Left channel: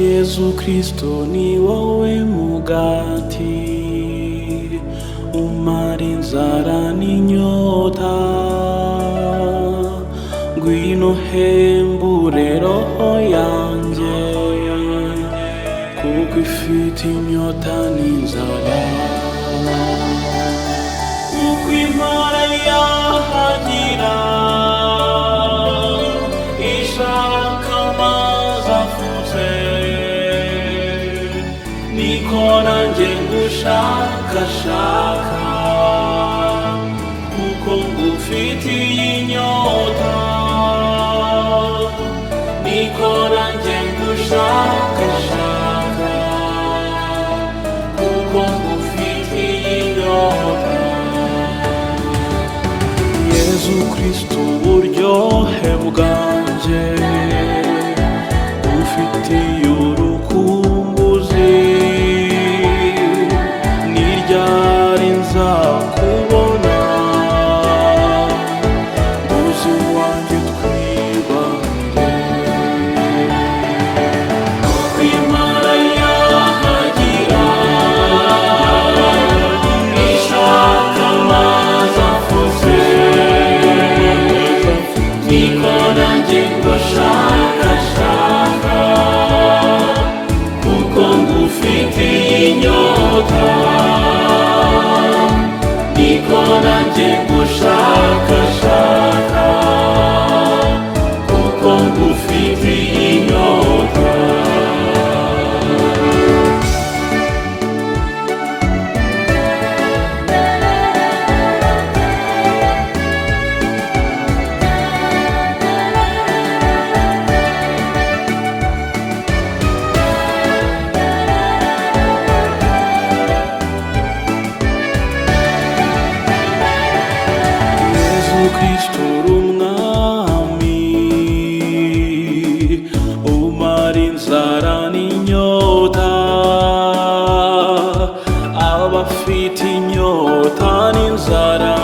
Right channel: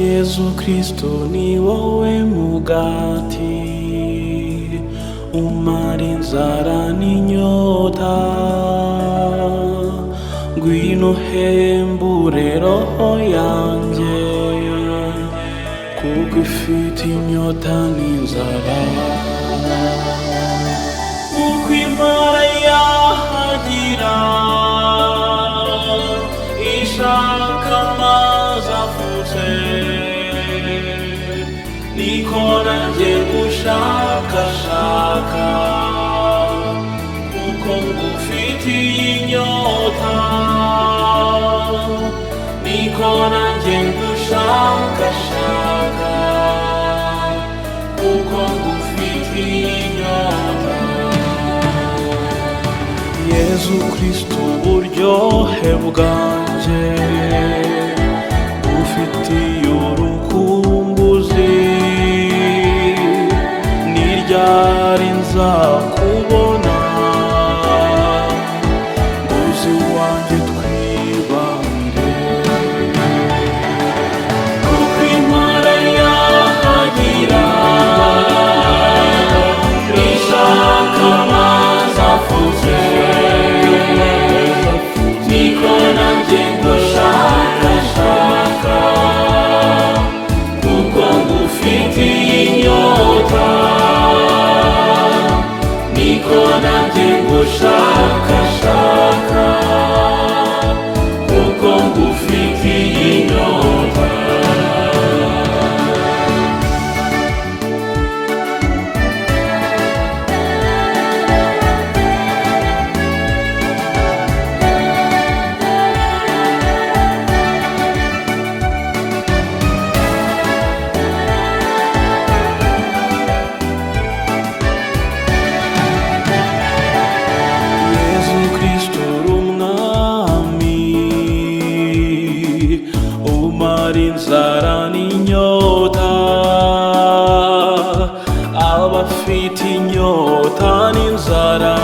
Yesu Kristo ni wowe mugati umara inzara n'inyota, ngwino hembure roho yanjye kuko ifite inyota n'inzara. Uko impara yahagira ishaka amazi afutse, niko nanjye ngushakashaka kuko ngufitiye inyota, niko nanjye ngushakashaka kuko ngufitiye inyota. Yesu Kristo uburyohe bwanjye ufitiye urukumbuzi, ni ryari nzakubona nguzi wanjye twibanire. Uko impara yahagira ishaka amazi afutse, niko nanjye ngushakashaka kuko ngufitiye inyota, niko nanjye ngushakashaka kuko ngufitiye inyota. Yesu Kristo uri umwami umara inzara n'inyota, abafite inyota n'inzara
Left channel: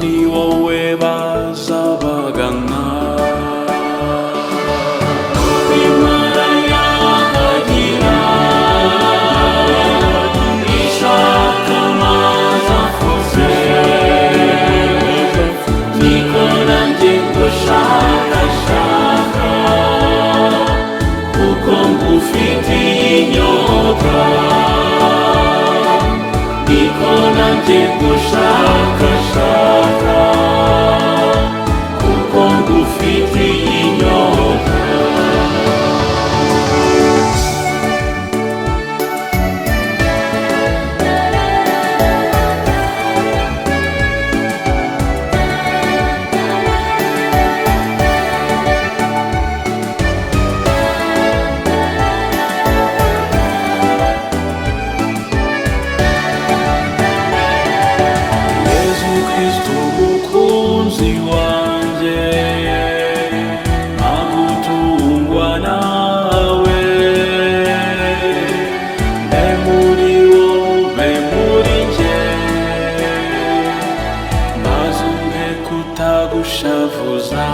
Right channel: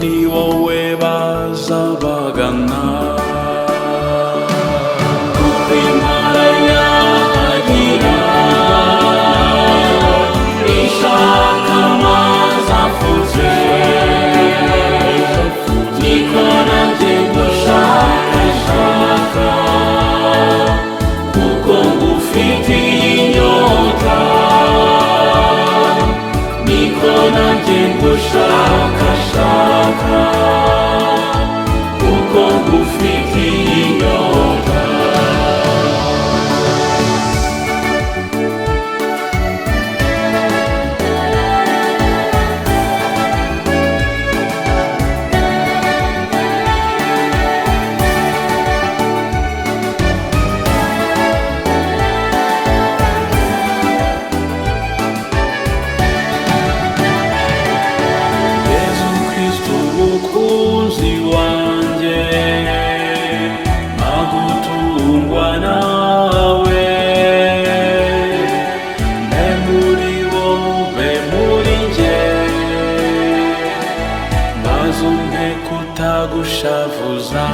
ni wowe bazabagana. Impara yahagira ishaka amazi afutse, niko nanjye ngushakashaka kuko ngufitiye inyota, niko nanjye ngushakashaka kuko ngufitiye inyota. Yesu Kristo umukunzi wanjye, agutungwa nawe, mbe muri wowe muri njye, maze umpe kutagushavuza.